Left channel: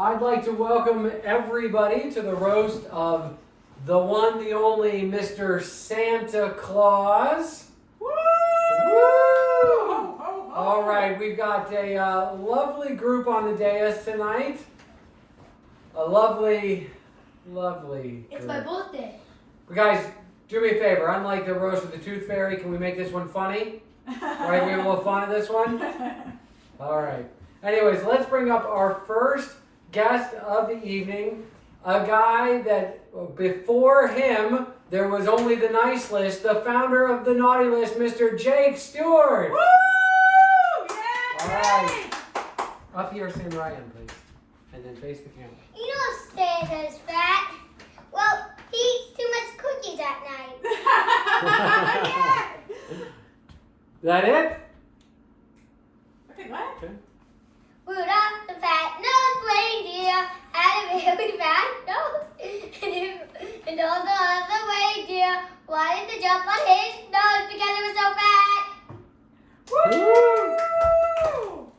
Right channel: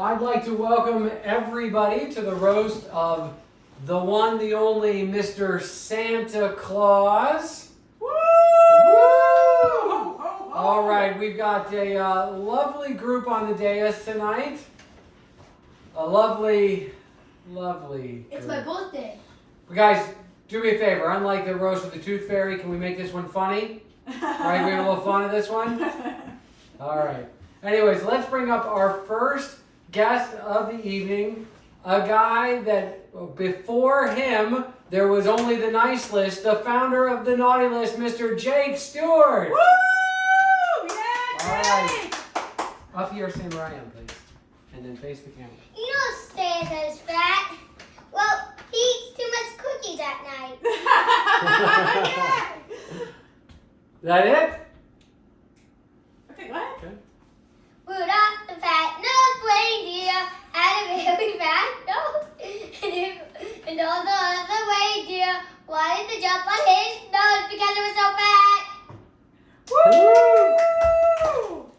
I'd like to welcome everybody to the roast of the one, the only Mr. Santa Claus. Woo! Woo! Ho, ho, ho. All right, we've got a lovely group on the dais tonight. A lovely It's group. my birthday. Guys, do me a favor. Unlike the roast of the Tooth Fairy, can we make this one funny? Right, we have a little fun of this one? All right. Anyways, let's bring up our first guest of the evening. A guy that before him, there was only the nice list. The founder of the naughty list, Mr. Jake Stewart. Woo! Yeah, All right. Up here, stand where I am, please. And then face the camera. You know Santa's fat. Well, he eats too much cookies at night. That it? Okay, what? Okay. Rudolph the fat-nosed reindeer had a very fat nose. And all the other reindeer wanted to jump on his nose because it was so fat. Woo!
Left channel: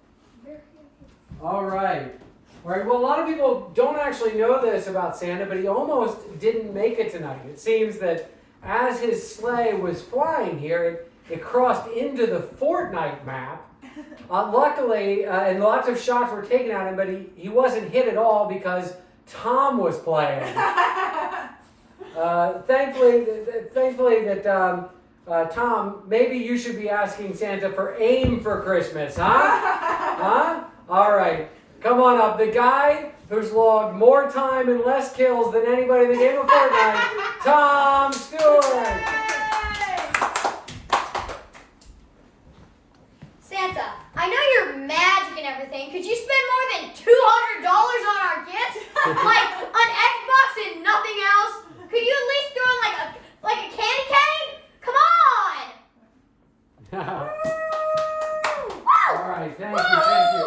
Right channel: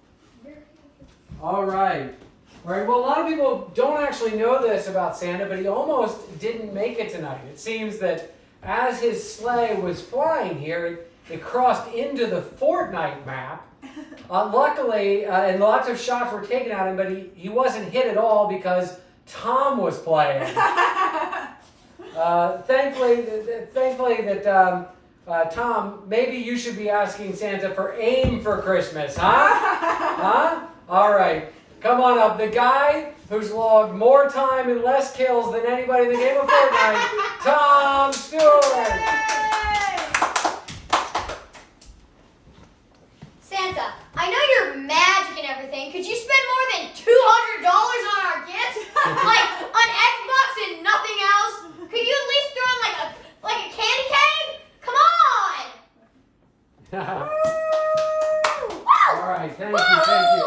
All right. All right. Well, a lot of people don't actually know this about Santa, but he almost didn't make it tonight. It seems that as his sleigh was flying here, it crossed into the Fortnite map. Luckily, and lots of shots were taken at him, but he wasn't hit at all because Tom was playing. Thankfully that Tom, maybe you should be asking Santa for aim for Christmas, huh? Huh? All right. Come on up. The guy who's logged more time and less kills than anybody in the game of Fortnite, Tom Stewart. Santa, I know you're magic and everything. Could you spend more than $200 on our gifts? Like on Xbox and nothing else? Could you at least throw in like a candy cane? Come on! All right. Thank you.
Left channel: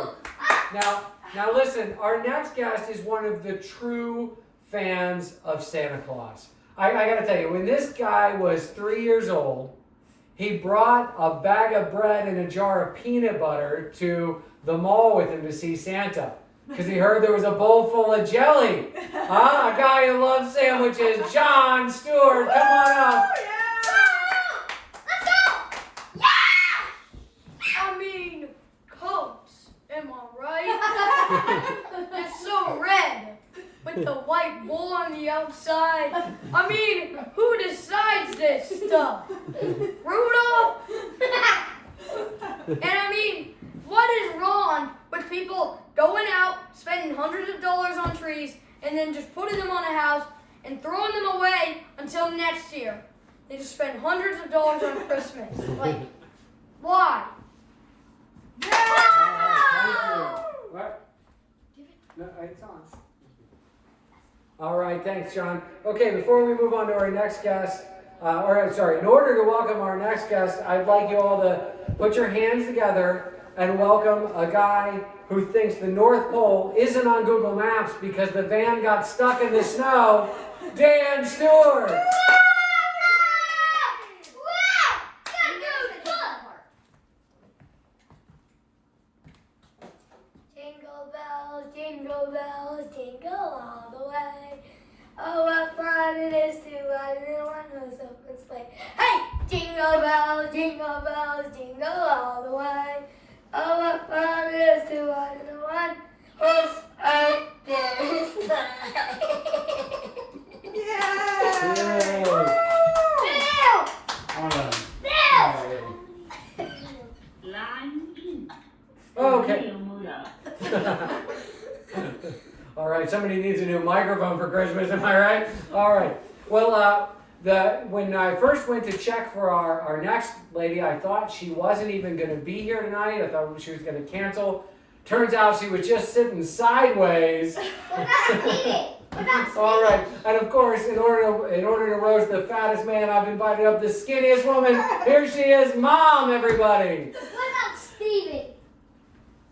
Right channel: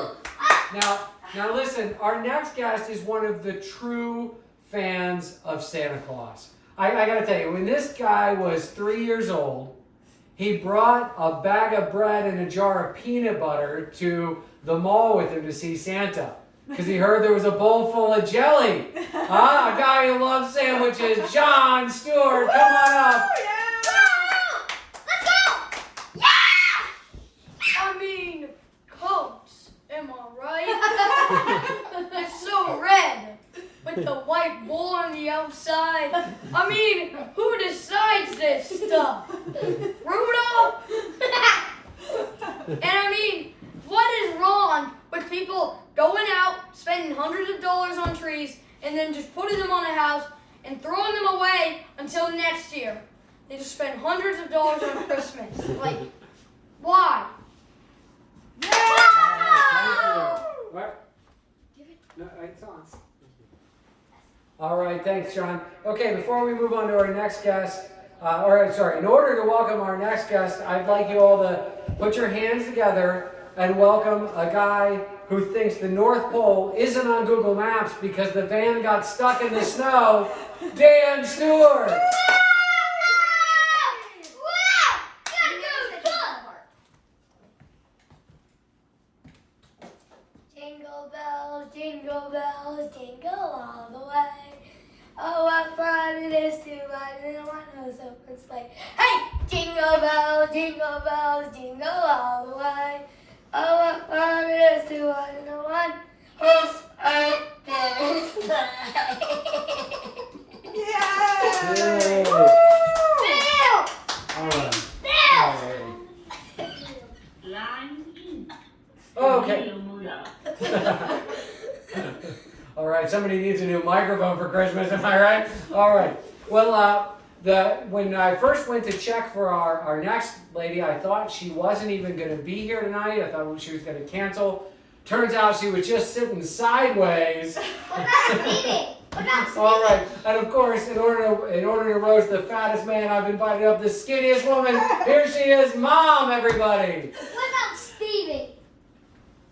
Now listen, our next guest is one of the true fans of Santa Claus. I got to tell you, when this guy was 3 years old, he brought a bag of bread and a jar of peanut butter to the mall with him to see Santa because he heard there was a bowl full of jelly. A guy who loves sandwiches, John Stewart, come on up. Let's go! Yeah! I mean, coats, am I right? They're so red with the white bowl on the outside. I mean, who decides this stuff? Rudolph? And I mean, what is wrong with people going out, spending hundreds of dollars on trees, and then just putting them on a house and throwing them away until next year? They just spend hundreds of dollars on Christmas. Like, why? All right, thank you. What? No, it's on. All right, thanks, John. Okay, before we move on to our next guest, in order to welcome our next guest, I'd like you all to put your hands together and welcome a guy who thinks the North Pole isn't on Google Maps because the van got stuck in the snow, Dan Stewart. Jingle bells, jingle all the way. Oh, what fun it is to ride in a one-horse open sleigh. Hey! Jingle bells, jingle all the way. Oh, what fun it is to ride in a one-horse open sleigh. Yeah! Yay. Bill! All right. Bill! Line in. Okay. Mula. All right, somebody needs a new microphone for Christmas, am I right? All right. Well, when I first went to check for our next lady, I thought she wasn't even going to be here tonight. I thought she was going to cancel. Turns out she was just sitting sideways. What about Stevie? All right, and of course, in order to roast the fattest man, I've invited up the skinniest woman. Here she is, Mom, everybody. What about Stevie?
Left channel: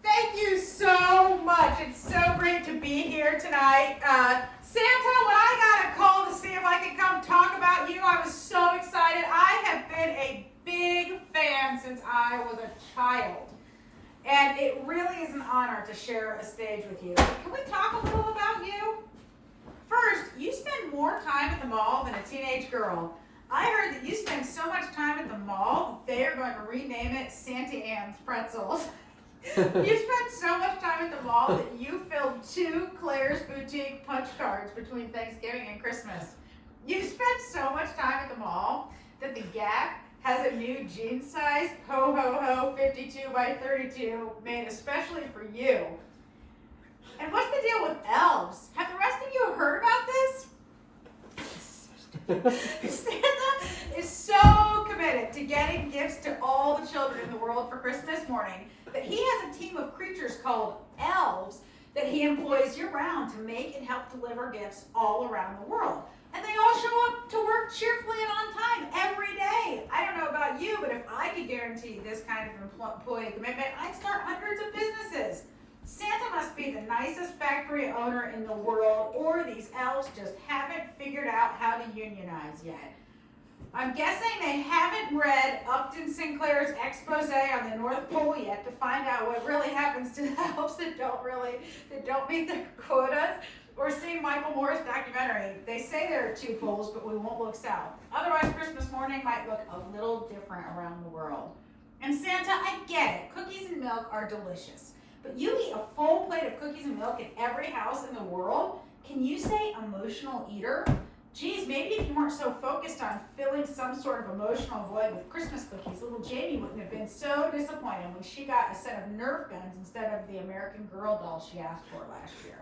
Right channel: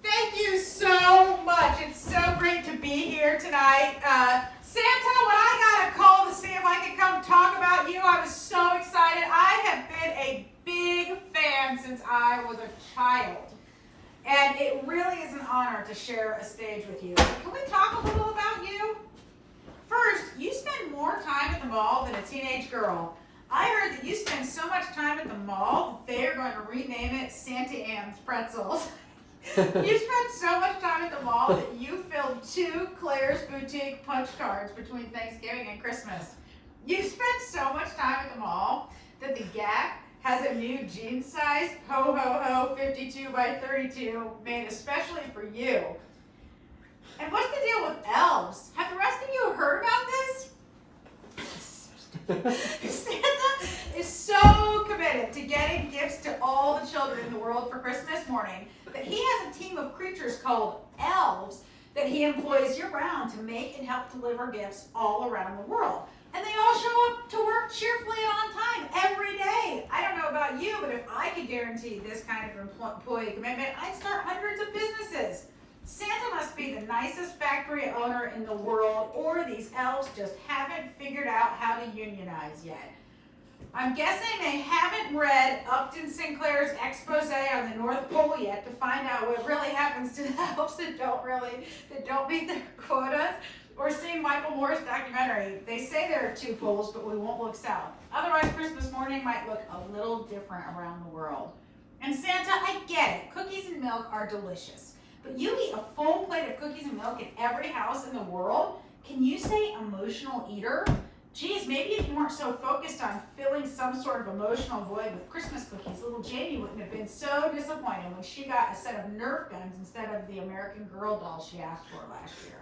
Thank you so much. It's so great to be here tonight. Santa, when I got a call to see if I could come talk about you, I was so excited. I have been a big fan since I was a child. And it really is an honor to share a stage with you. Can we talk a little about you? First, you spend more time at the mall than a teenage girl. I heard that you spend so much time at the mall that they are going to rename it Santa Ann's Pretzels. You spent so much time at the mall that you filled 2 Claire's Boutique punch cards between Thanksgiving and Christmas. You spent so much time at the mall that the Gap has a new jean size ho ho ho 52 by 32 made especially for you. And what's the deal with elves? Have the rest of you heard about this? Santa is so committed to getting gifts to all the children in the world for Christmas morning that he has a team of creatures called elves that he employs year-round to make and help deliver gifts all around the world. And they all show up to work cheerfully and on time every day. I don't know about you, but if I could guarantee this kind of employee commitment, I'd start hundreds of businesses. Santa must be the nicest factory owner in the world, or these elves just haven't figured out how to unionize yet. I'm guessing they haven't read Upton Sinclair's expose on the North Pole yet to find out what really happens to the elves that don't meet their quotas, or seen Michael Moore's documentary. They say there are 2 poles, but we won't look south. Otherwise, Christmas morning might look a little different around the world. And Santa, I get it. Cookies and milk are delicious. But you eat a full plate of cookies and milk in every house in the world? Can you say emotional eater? Geez, maybe if you weren't so focused on filling some sort of emotional void with Christmas cookies, little Jamie wouldn't have been so disappointed when she got a set of Nerf guns instead of the American Girl doll she asked for last year.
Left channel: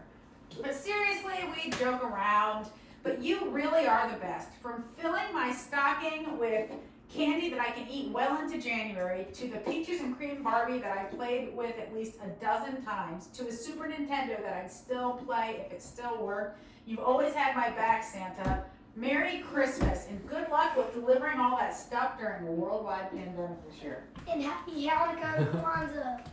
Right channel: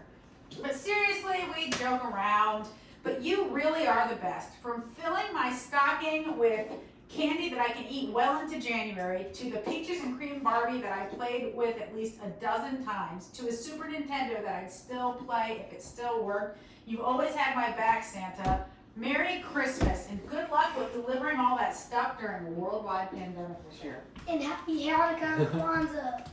But seriously, we joke around, but you really are the best. From filling my stocking with candy that I can eat well into January, to the peaches and cream Barbie that I played with at least a dozen times, to a Super Nintendo that I'd still play if it still worked. You've always had my back, Santa. Merry Christmas, and good luck with delivering all that stuff during a worldwide pandemic this year. And happy Hanukkah and Kwanzaa.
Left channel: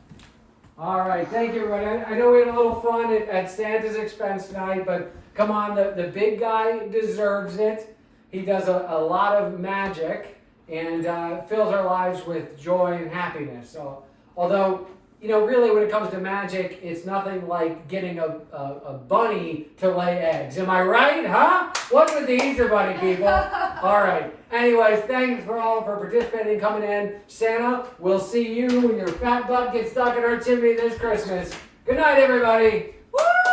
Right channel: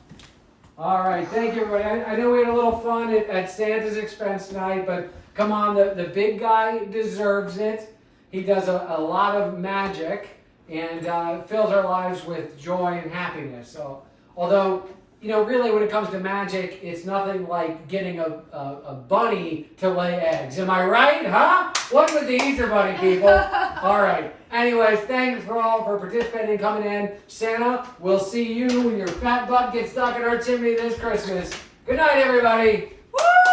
All right, thank you, everybody. I know we had a little fun at Santa's expense tonight, but come on, the big guy deserves it. He does a lot of magic and fills our lives with joy and happiness. So, although, you know, really when it comes to magic, it's nothing like getting a bunny to lay eggs. Am I right, huh? What's with the Easter bunny, people? All right. Anyways, thanks for all for participating and coming in. Santa, we'll see you when your fat butt gets stuck in our chimney this Christmas. Good night, everybody. Woo!